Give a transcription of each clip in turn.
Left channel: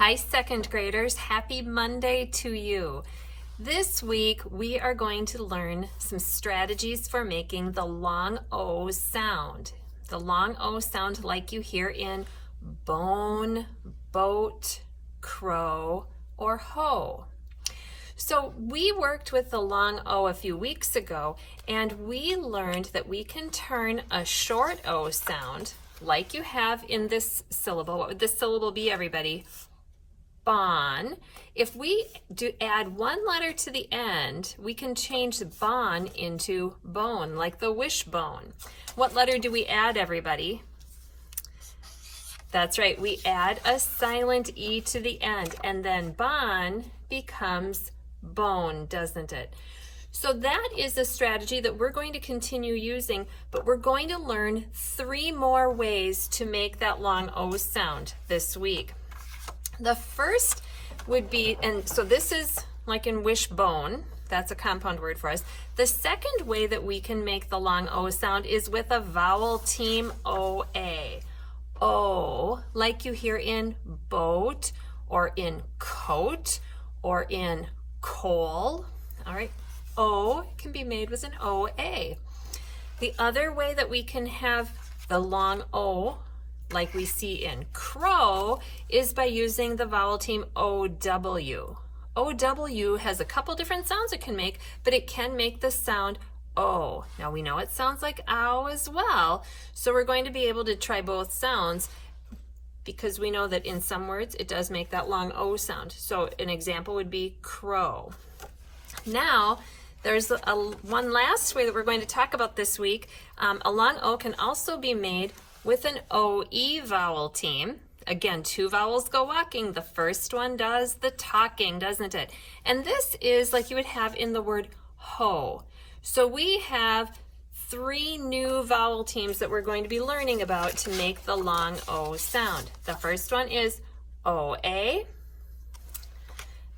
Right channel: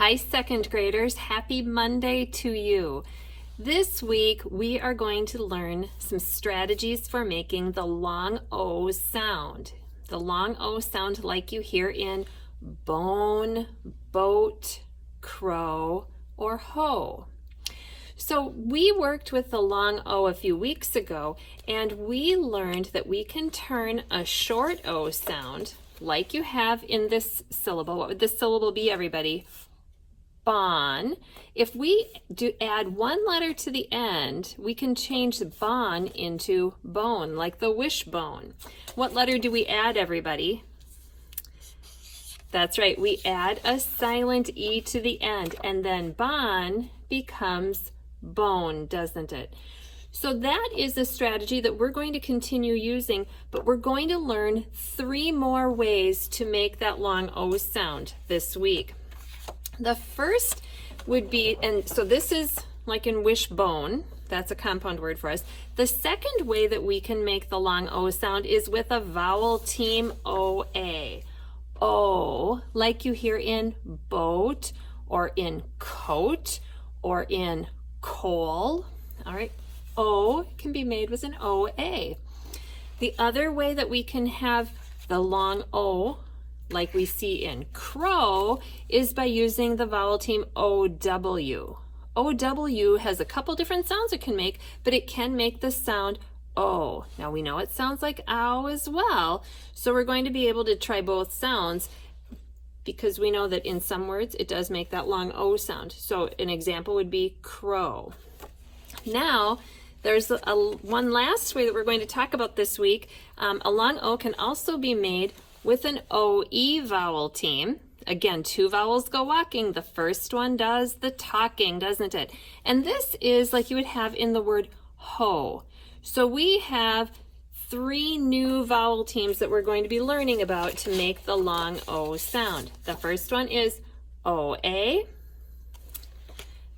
Hi, second graders. Happy Monday to you. This week, we are going to learn some strategies for making the long O sound. The long O sound like you hear in bone, boat, crow, or hoe. So we worked with the long O a few weeks ago, and we learned that we can turn a short O sound, like you have in this syllable. What would this syllable be, everybody? Bon. If we add one letter to the end, we can change bon into bone, like the wishbone. What letter do we add, everybody? That's right, we add a silent E to the end, and then bon becomes bone, doesn't it? So that is a strategy that we're going to continue using, but we're going to learn 3 more ways to make that long O sound this week. The first would be, and so this is like in wishbone, that's a compound word for us. The second way that we can make the long O sound is with a vowel team OA. O, like you hear in boat, or in coat, or in coal. All right, O can be made with an OA. The other way that we can have the long O, like we see in crow, is by using the vowel team OW. OW has a couple different sounds it can make, but it can make the sound O. Now we know it sounds like ow as well, so we're going to be able to try both sounds because we know that in some words it does make that long O sound. So an example would be crow. Now, there's one last way that we're going to talk about this week. A long O can also be made with an OE vowel team. Again, 2 vowels go walking. The first one does the talking, doesn't it? And this is like you would have in the word hoe. So we have 3 new vowel teams that we're going to be learning about to make the long O sound. The first one is OA.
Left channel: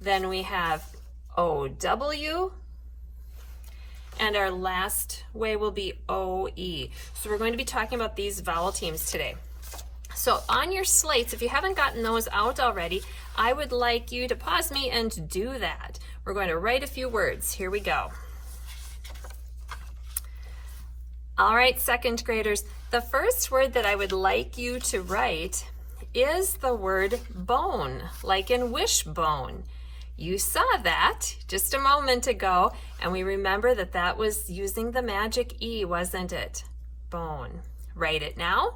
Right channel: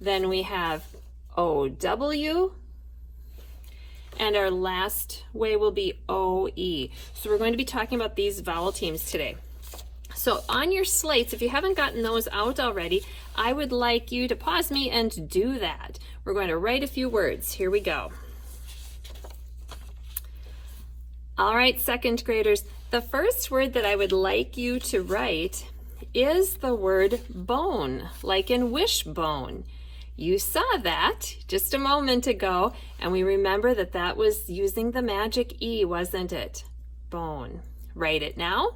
Then we have OW. And our last way will be OE. So we're going to be talking about these vowel teams today. So on your slates, if you haven't gotten those out already, I would like you to pause me and do that. We're going to write a few words. Here we go. All right, second graders, the first word that I would like you to write is the word bone, like in wishbone. You saw that just a moment ago, and we remember that that was using the magic E, wasn't it? Bone. Write it now.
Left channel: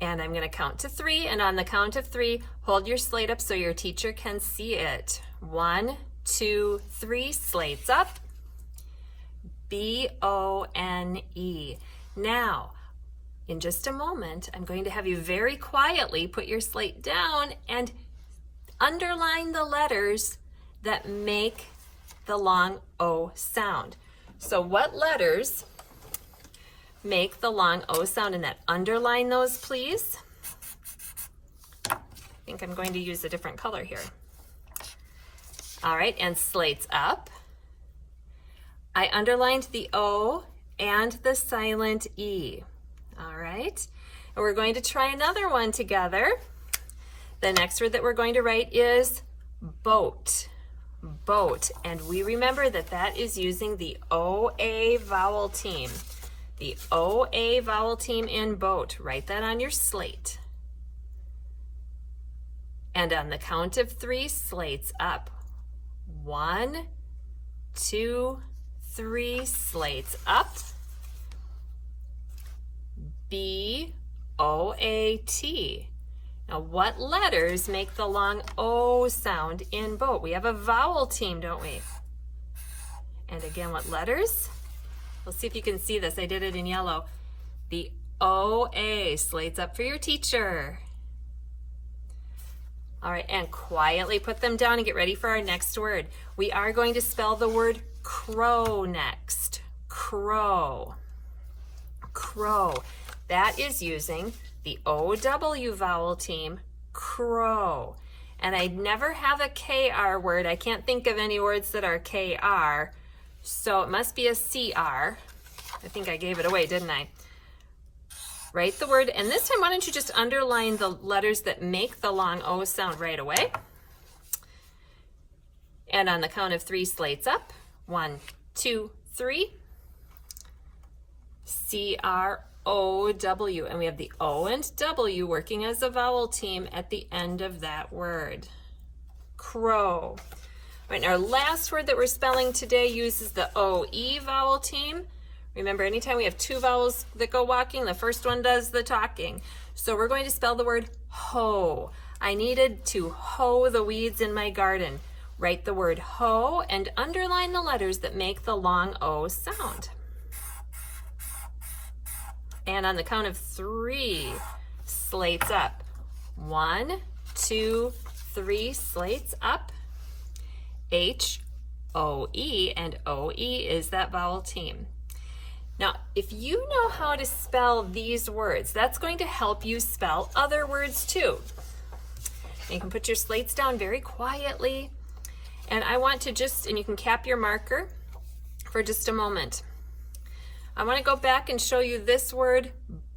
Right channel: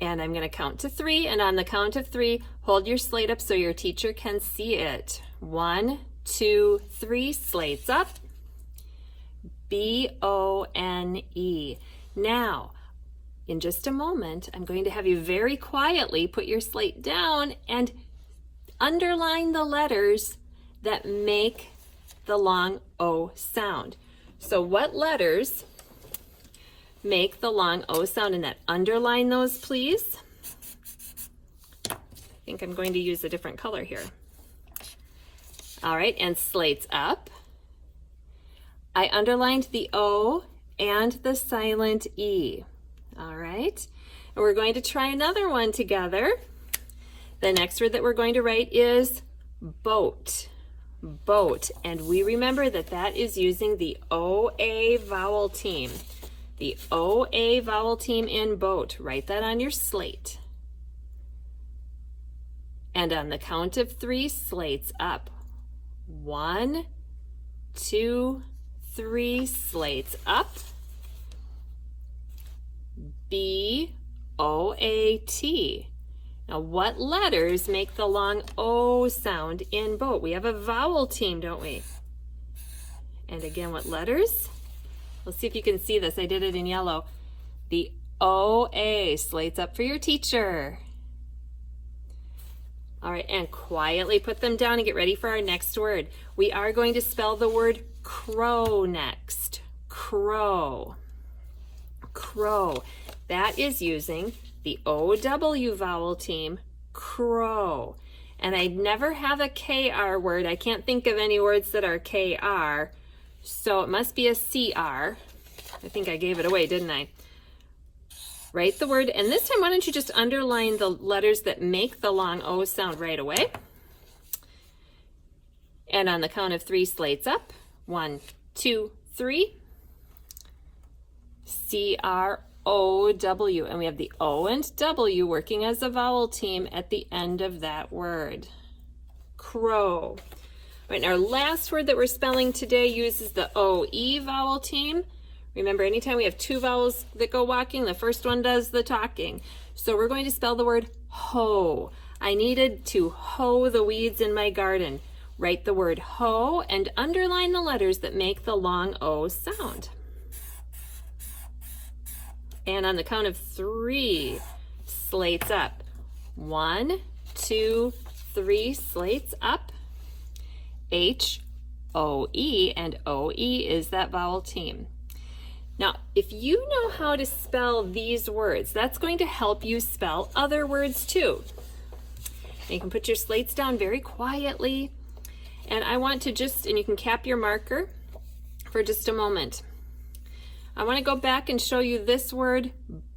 And I'm going to count to 3, and on the count of 3, hold your slate up so your teacher can see it. 1, 2, 3, slates up. B-O-N-E. Now, in just a moment, I'm going to have you very quietly put your slate down and underline the letters that make the long O sound. So what letters make the long O sound in that? Underline those, please. I think I'm going to use a different color here. All right, and slates up. I underlined the O and the silent E. All right, and we're going to try another one together. The next word that we're going to write is boat. Boat. And we remember that that is using the OA vowel team. The OA vowel team in boat. Write that on your slate. And on the count of 3, slates up. 1, 2, 3, slates up. B-O-A-T. Now, what letters make the long O sound in boat? We have a vowel team, don't we? And again, what letters? Let's see if you can see this. I did it in yellow. The O-A, slates up for your teacher. All right, and quietly put them down and get ready for our next word. We are going to spell the word crow next. Crow. Crow. That is using the OW vowel team, crow. And I never have a KR word. I can't think of any words that are KR, so it must be a CR. I think I gave it away, didn't I? Write the word, and this time why don't you just underline the letters that make the long O sound right away. And on the count of 3, slates up. 1, 2, 3. C-R-O-W. And we have the O and W working as a vowel team at the end of that word. Crow. Right, and our last word that we're spelling today uses the O-E vowel team. Remember, anytime we have 2 vowels that go walking, the first one does the talking. So we're going to spell the word hoe. I needed to hoe the weeds in my garden. Write the word hoe and underline the letters that make the long O sound. And on the count of 3, slates up. 1, 2, 3, slates up. H-O-E, and O-E is that vowel team. Now, if you know how to spell these words, that's going to help you spell other words too. And you can put your slates down very quietly. And I want to and you can cap your marker for just a moment. I want to go back and show you this word,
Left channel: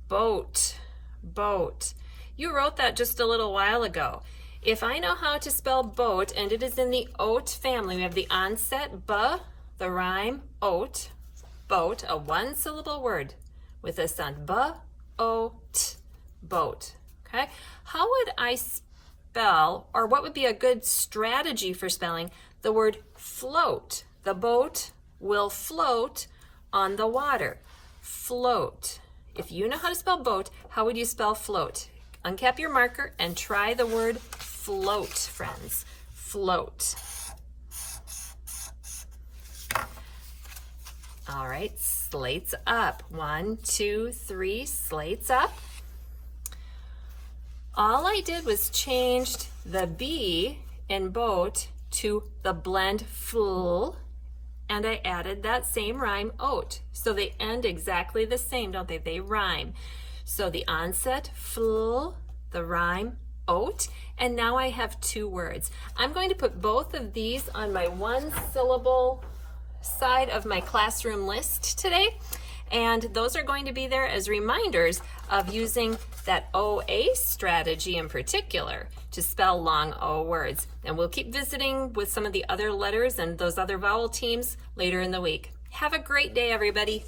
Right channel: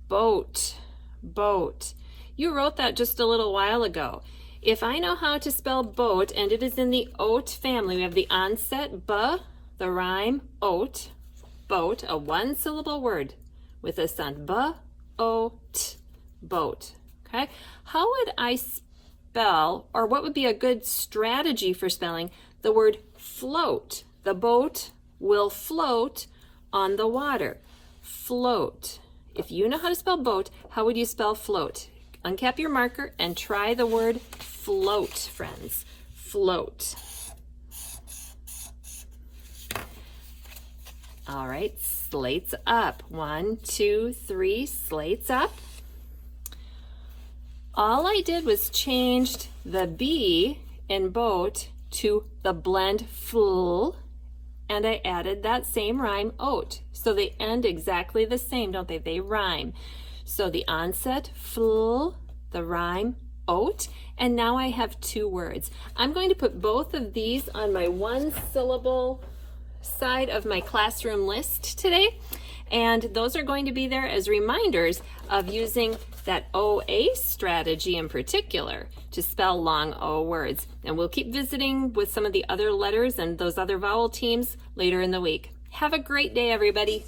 boat. Boat. You wrote that just a little while ago. If I know how to spell boat, and it is in the oat family, we have the onset b, the rhyme oat, boat, a 1-syllable word with a sound b-o-t, boat. Okay? How would I spell, or what would be a good strategy for spelling the word float? The boat will float on the water. Float. If you know how to spell boat, how would you spell float? Uncap your marker and try the word float, friends. Float. All right, slates up. 1, 2, 3, slates up. All I did was changed the B in boat to the blend fl, and I added that same rhyme, oat. So they end exactly the same, don't they? They rhyme. So the onset, fl, the rhyme, oat, and now I have 2 words. I'm going to put both of these on my 1-syllable side of my classroom list today, and those are going to be there as reminders of using that OA strategy in particular to spell long O words. And we'll keep visiting with some of the other letters and those other vowel teams later in the week. Have a great day, everybody.